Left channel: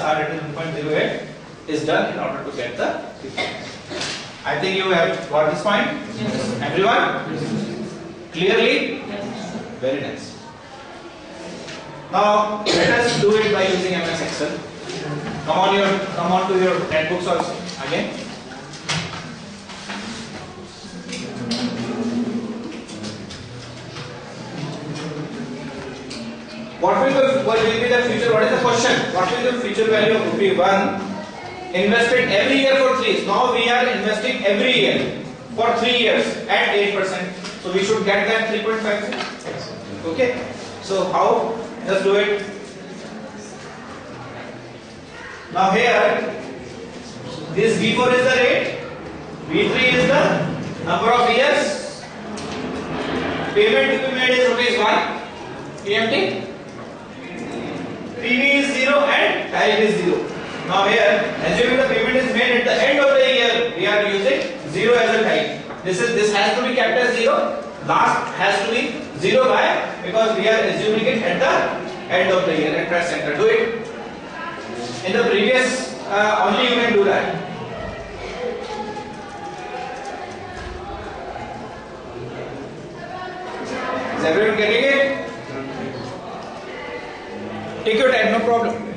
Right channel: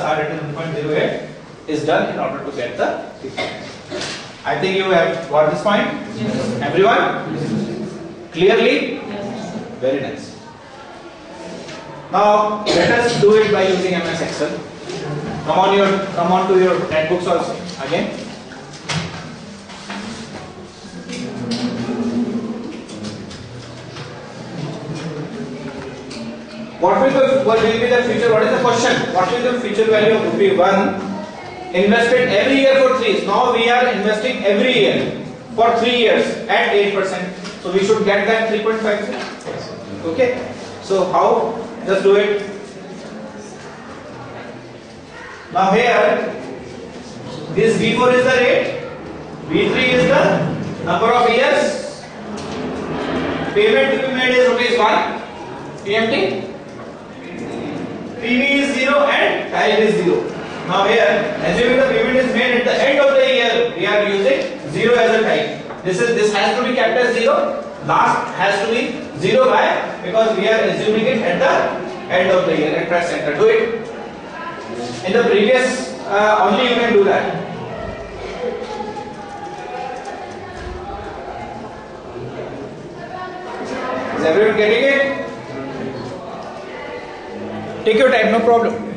R it is 1.08 is done in order to get the difference. I think you have got this point. Yes. Everyone? Yes. Clearly? Yes. Very nice. Now let us do it by using MS Excel. Come on to your netbooks also again. What will be the future? What is the question? What will be the future value of rupee 1 invested every year for 3 years? Now we are investing every year for 3 years at 8%. So we should get that 3.5. Okay. So how? Just do it. Now here, this V4 is the rate, V3 is the number of years. Payment to be made is rupees 1. PMT. PV is 0 and time is 0. Now here, assuming the payment is made at the end of the year, we are using 0 as a time. This has to be kept as 0. Last has to be 0 by, because we are assuming it at the end of the year. And press enter. Do it. In the previous, only you can do that. Is everyone getting it? Take your time, no problem.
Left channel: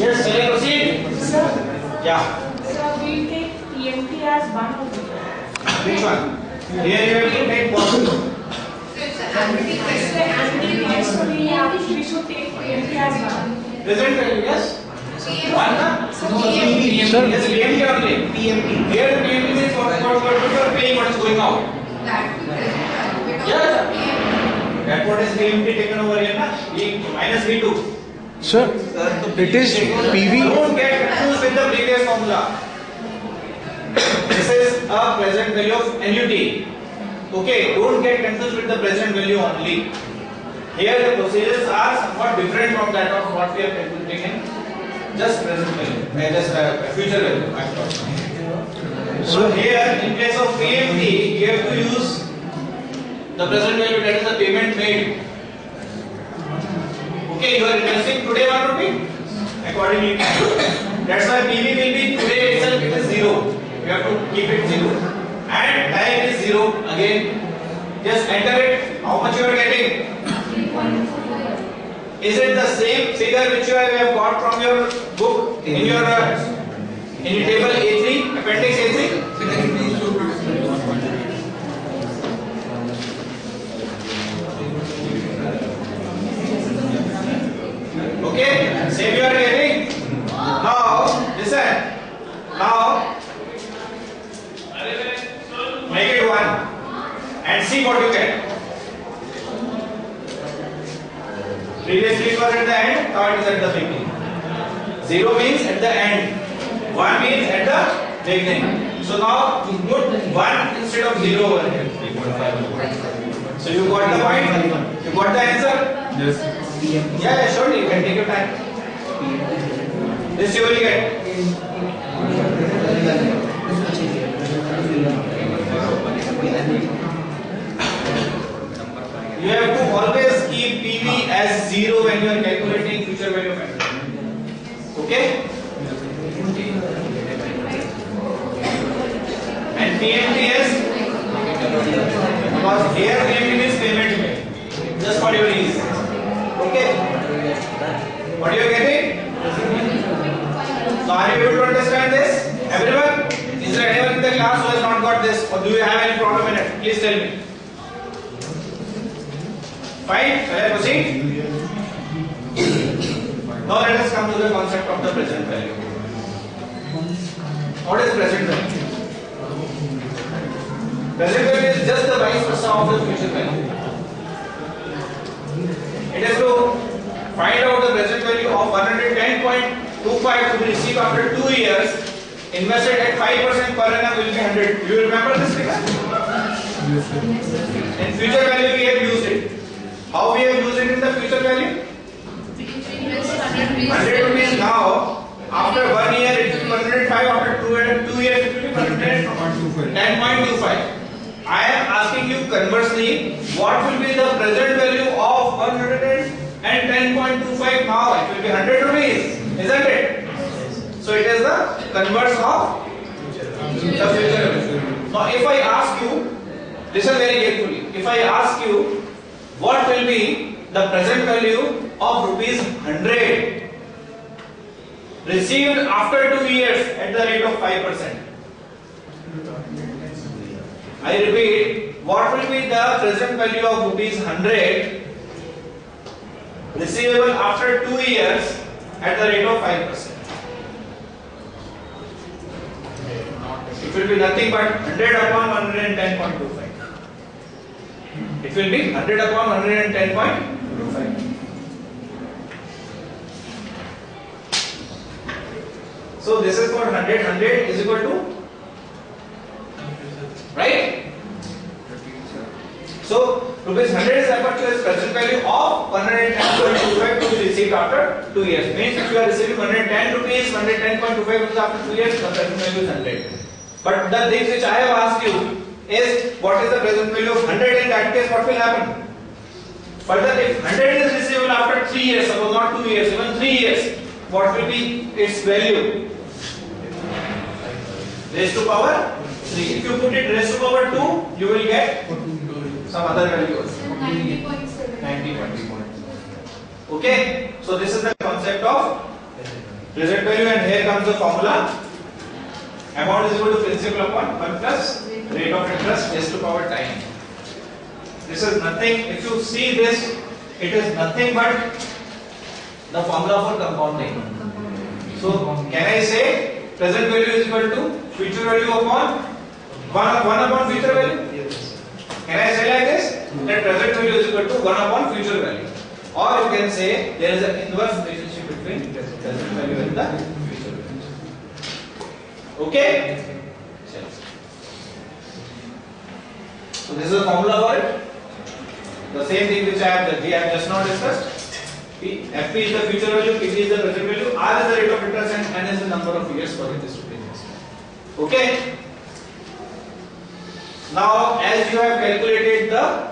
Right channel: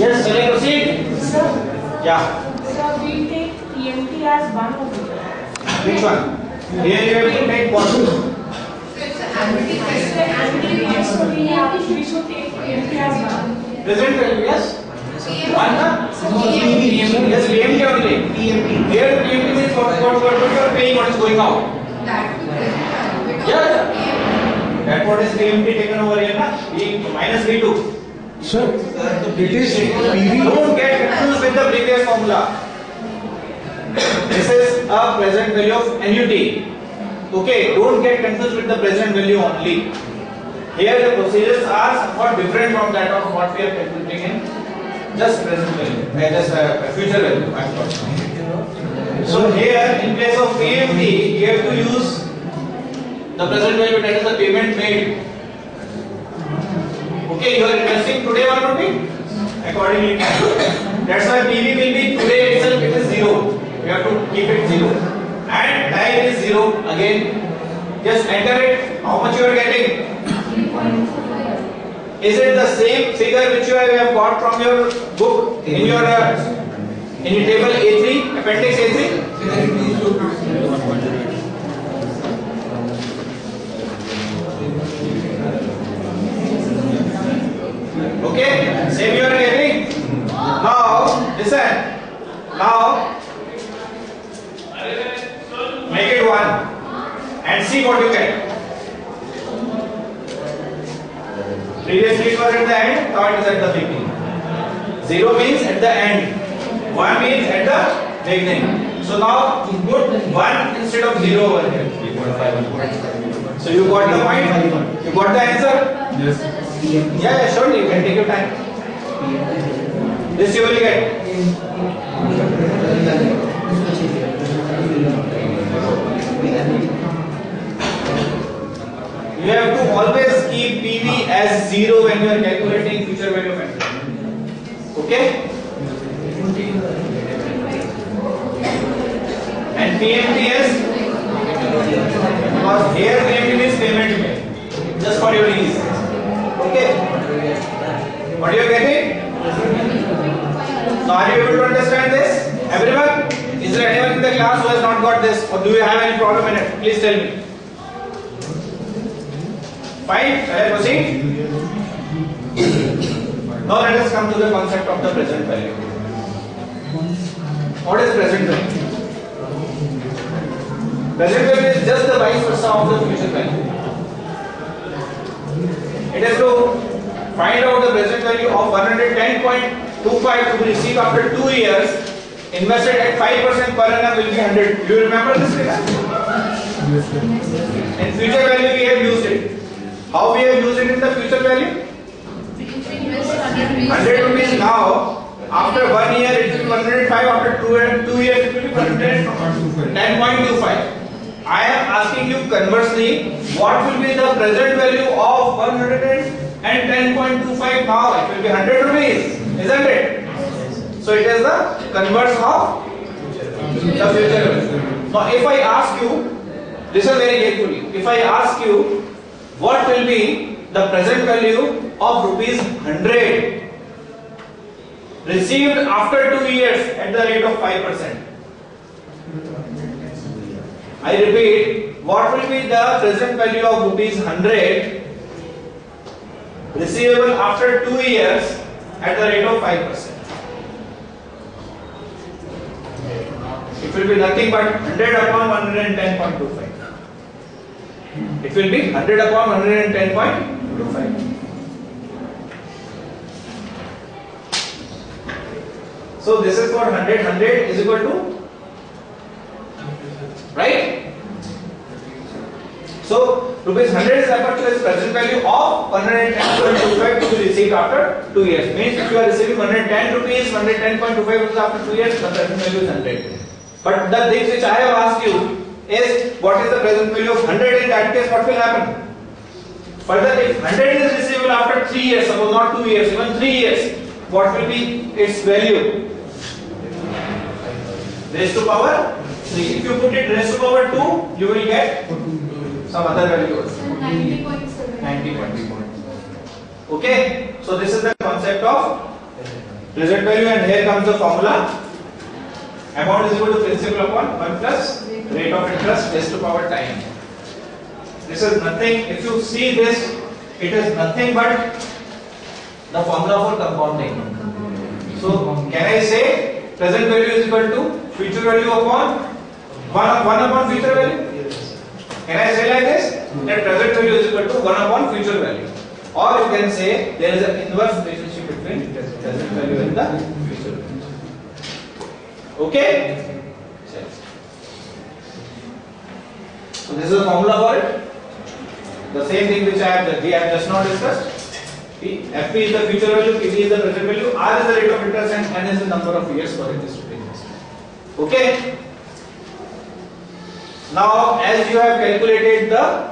Yes, shall I proceed? Sir. Yeah. Sir, we take PMT as one of them. Which one? Here you have to take what? So we should take PMT as one. Present value, yes? One, na? Yes, PMT only. PMT. Here PMT means what you are paying, what is going out. Yeah. That what is PMT taken over here, na? Minus V2. Sir, it is PV. Don't get confused with the previous formula. This is a present value of NUT. Okay, don't get confused with the present value only. Here the procedures are somewhat different from that of what we are calculating in just present value, just future value. So here in place of PMT, you have to use the present value, that is the payment made. Okay, you are investing today 1 rupee accordingly. That's why PV will be today itself, it is 0. You have to keep it 0. And time is 0 again. Just enter it. How much you are getting? Is it the same figure which you have got from your book in your table A3, appendix A3? Okay, same you are getting. Now, listen. Now, make it 1 and see what you get. Previously it was at the end, now it is at the beginning. 0 means at the end, 1 means at the beginning. So now put 1 instead of 0 over here. 3.5. So you got the point? You got the answer? Yes. Yeah, surely you can take your time. This you will get. You have to always keep PV as 0 when you are calculating future value factor. Okay? And PMTS, because here PMT means payment made, just for your ease. Okay? What you are getting? So are you able to understand this? Everyone? Is there anyone in the class who has not got this, or do you have any problem in it? Please tell me. Fine? Shall I proceed? Now let us come to the concept of the present value. What is present value? Present value is just the vice versa of the future value. It is to find out the present value of 110.25 to be received after 2 years, invested at 5% per annum will be 100. Do you remember this figure? In future value we have used it. How we have used it in the future value? 100 rupees now. After 1 year it will be 105. After 2 years it will be 10.25. I am asking you conversely, what will be the present value of 110.25 now? It will be 100 rupees, isn't it? So it is the converse of the future value. Now if I ask you, listen very carefully. If I ask you, what will be the present value of rupees 100 received after 2 years at the rate of 5%? I repeat, what will be the present value of rupees 100 receivable after 2 years at the rate of 5%? It will be nothing but 100 upon 110.25. It will be 100 upon 110.25. So this is for 100. 100 is equal to, right? So rupees 100 is equal to its present value of 110.25 to be received after 2 years. Means if you are receiving 110 rupees, 110.25 rupees after 2 years, the present value is 100. But the things which I have asked you is what is the present value of 100 in that case, what will happen? Further, if 100 is receivable after 3 years, suppose not 2 years, even 3 years, what will be its value? Raised to power 3. If you put it raised to power 2, you will get some other value also. 90.7. Okay, so this is the concept of present value, and here comes the formula. Amount is equal to principal upon 1 plus rate of interest raised to power time. This is nothing, if you see this, it is nothing but the formula for compounding. So can I say present value is equal to future value upon 1 upon future value? Can I say like this? That present value is equal to 1 upon future value. Or you can say there is an inverse relationship between present value and the future value. Okay? So this is the formula for it. The same thing which we have just now discussed. FP is the future value, PV is the present value, R is the rate of interest, and N is the number of years for it is to be invested. Okay? Now, as you have calculated the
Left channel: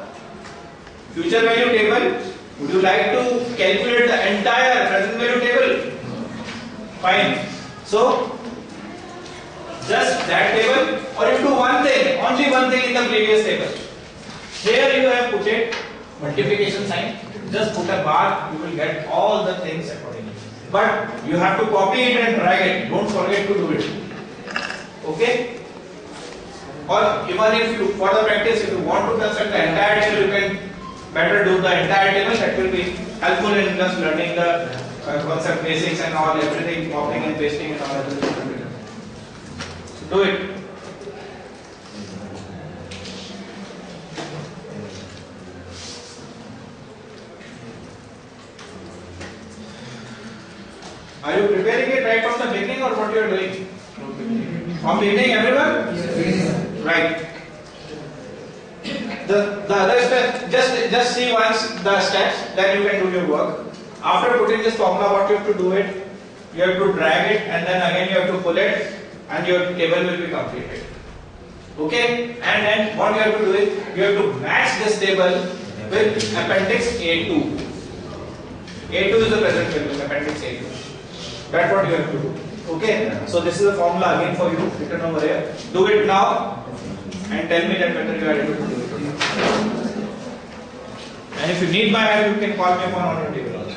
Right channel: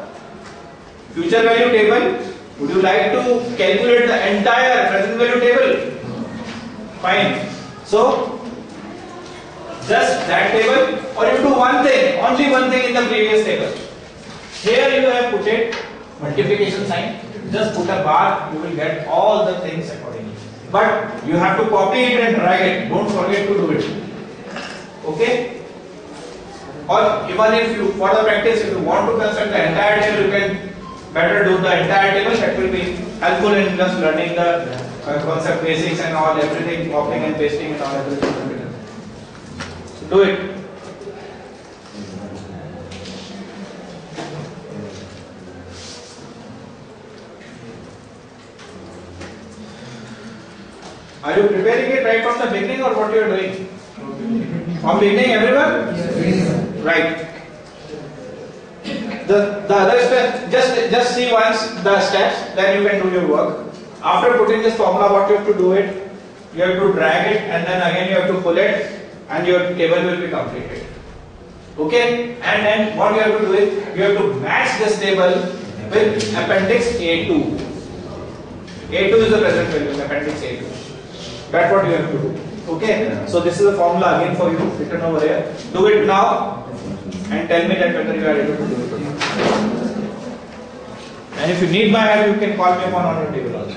future value table, would you like to calculate the entire present value table? Fine. So, just that table, or you do one thing, only one thing in the previous table. Here you have put it multiplication sign. Just put a bar, you will get all the things accordingly. But you have to copy it and drag it. Don't forget to do it. Okay? Or even if you, for the practice, if you want to construct the entire table, you can better do the entire table. That will be helpful in just learning the concept basics and all, everything, copying and pasting and all everything. So do it. Are you preparing it right from the beginning or what you are doing? From beginning, everyone? Yes. Right. The other step, just see once the steps, then you can do your work. After putting this formula, what you have to do it, you have to drag it and then again you have to pull it and your table will be completed. Okay? And then what you have to do is, you have to match this table with appendix A2. A2 is the present value, appendix A2. That's what you have to do. Okay? So this is the formula again for you, written over here. Do it now and tell me that whether you are able to do it or not. And if you need my help, you can call me upon on your table also.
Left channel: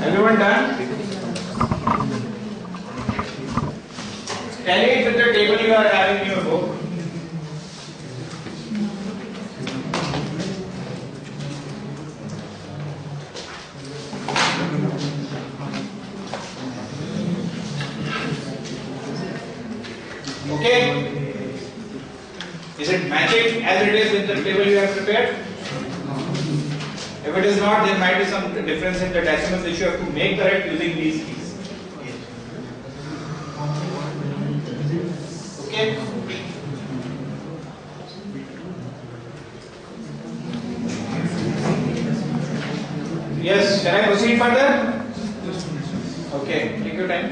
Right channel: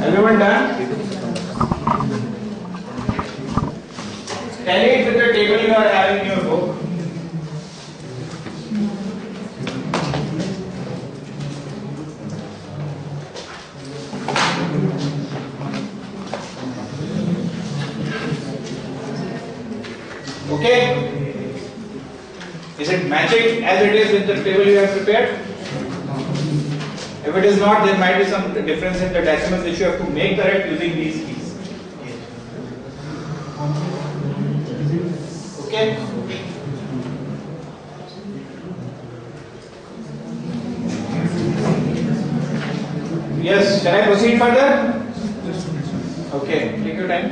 Everyone done? Tally it with the table you are having in your book. Okay? Is it matching as it is with the table you have prepared? If it is not, there might be some difference in the decimals which you have to make correct using these keys. Okay? Yes, shall I proceed further? Okay, take your time.